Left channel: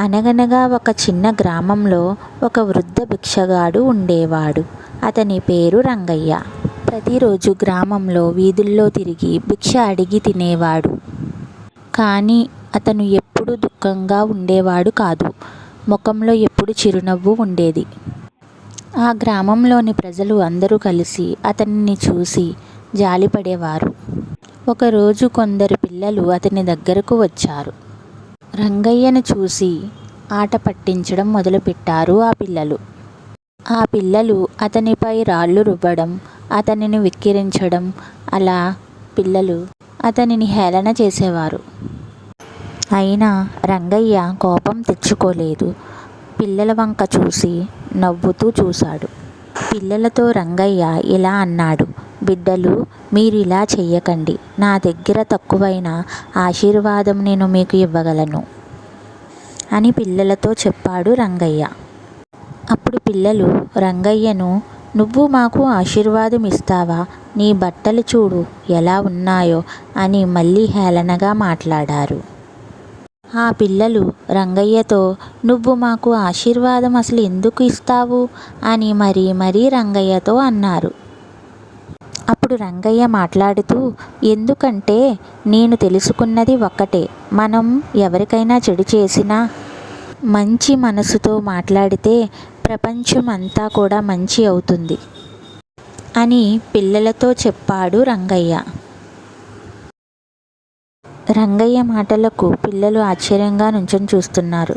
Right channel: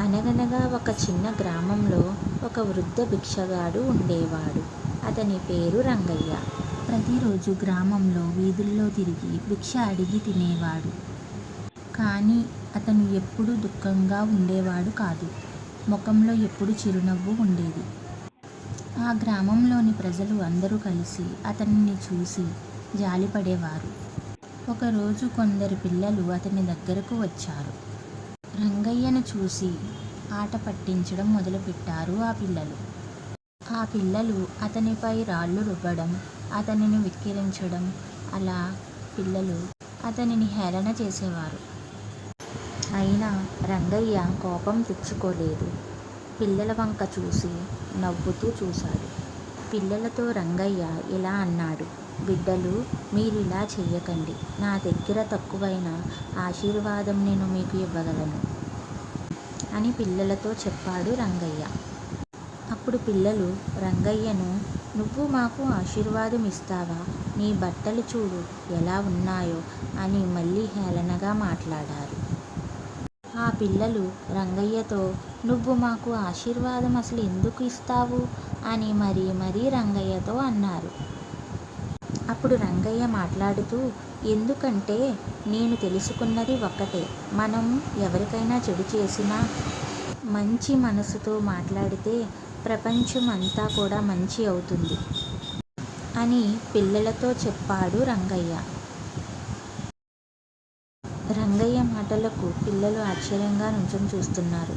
అనగనగా ఒక చిన్న గ్రామంలో ఒక వృద్ధ భిక్షగాడు ఉండేవాడు. అతని పేరు రంగయ్య. ప్రతిరోజు గ్రామంలో వీధుల్లో తిరిగి భిక్ష అడిగి తినేవాడు. కానీ అతను ఎప్పుడూ దుఃఖంగా ఉండేవాడు కాదు. ముఖంలో ఎప్పుడు చిరునవ్వు ఉండేది. ఆ గ్రామంలోని ప్రజలు అందరూ కలిసి అతనిని చూసి జాలిపడేవారు. ఒకరోజు కొందరు పిల్లలు అతని దగ్గరకు వచ్చారు. రంగయ్యను చూసి ఆట పట్టించడం మొదలుపెట్టారు ఆ పిల్లలు అతనిపై రాళ్ళు రువ్వడం, అతనిని వెక్కిరించడం, అలా పిల్లలు అతనిని హేళన చేసేవారు. అయినా రంగయ్య కోపం తెచ్చుకోలేదు. పిల్లల వంక చూసి నవ్వుతూ చూశాడు. పిల్లలతో రంగయ్య ఇలా అన్నాడు: బిడ్డలు, మీరిలా చెయ్యకండి. నా దగ్గర తక్కువైన ఆశీర్వాదం నేను మీకు ఇవ్వగలను అని పిల్లలతో చెప్పాడు రంగయ్య. అప్పుడు పిల్లలు రంగయ్యను, నువ్వు మాకు ఆశీర్వాదం ఇస్తావా? నీ బట్టలు చూడు ఎలా ఉన్నాయో అని మళ్ళీ హేళనగా మాట్లాడారు. ఆ పిల్లలు రంగయ్యతో, నువ్వు మాకు ఆశీర్వాదం అసలు ఎందుకు ఇస్తావు అని మరీ రంగయ్యతో అన్నారు. అప్పుడు రంగయ్య మాట్లాడుతూ, ఎందుకంటే నేను తెలుసుకున్నది ఒక్కటే, మనం ఎవరికైనా చెడు చేసినా మంచి మనసుతో మాట్లాడితే ప్రపంచం అంతా కూడా మంచి అవుతుంది అని పిల్లలతో చెప్పాడు రంగయ్య. రంగయ్య మాటలకు పిల్లలు ఆశ్చర్యంగా నుంచొని చూస్తున్నారు.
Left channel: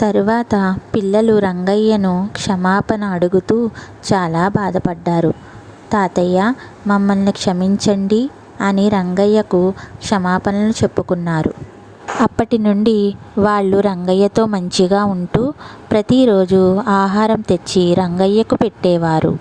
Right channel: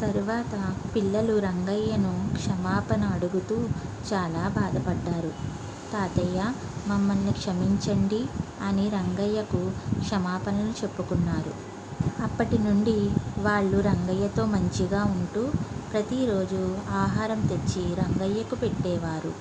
తరువాత పిల్లలు రంగయ్యను క్షమాపణ అడుగుతూ చాలా బాధపడ్డారు. తాతయ్య, మమ్మల్ని క్షమించండి అని రంగయ్యకు క్షమాపణలు చెప్పుకున్నారు. అప్పటి నుండి వాళ్ళు రంగయ్యతో మంచిగా ఉంటూ ప్రతిరోజు ఆహారం తెచ్చి రంగయ్యకు పెట్టేవారు.